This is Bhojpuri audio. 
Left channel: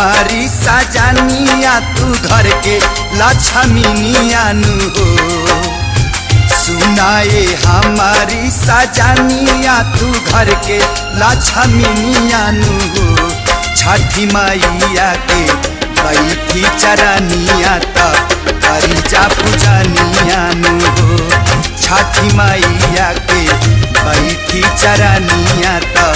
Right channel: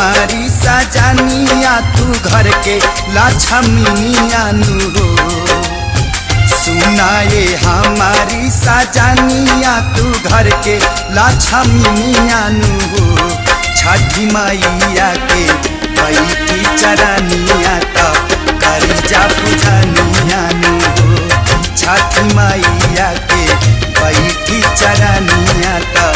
हमारी सजनिया तू घर के लक्ष्मीनिया नु हो। सुनाए हमारी सजनिया तू घर के लक्ष्मीनिया नु हो। छठी मैया के बैठी चरनिया तब करी जा पूजनिया नु हो। छठी मैया के बैठी चरनिया तब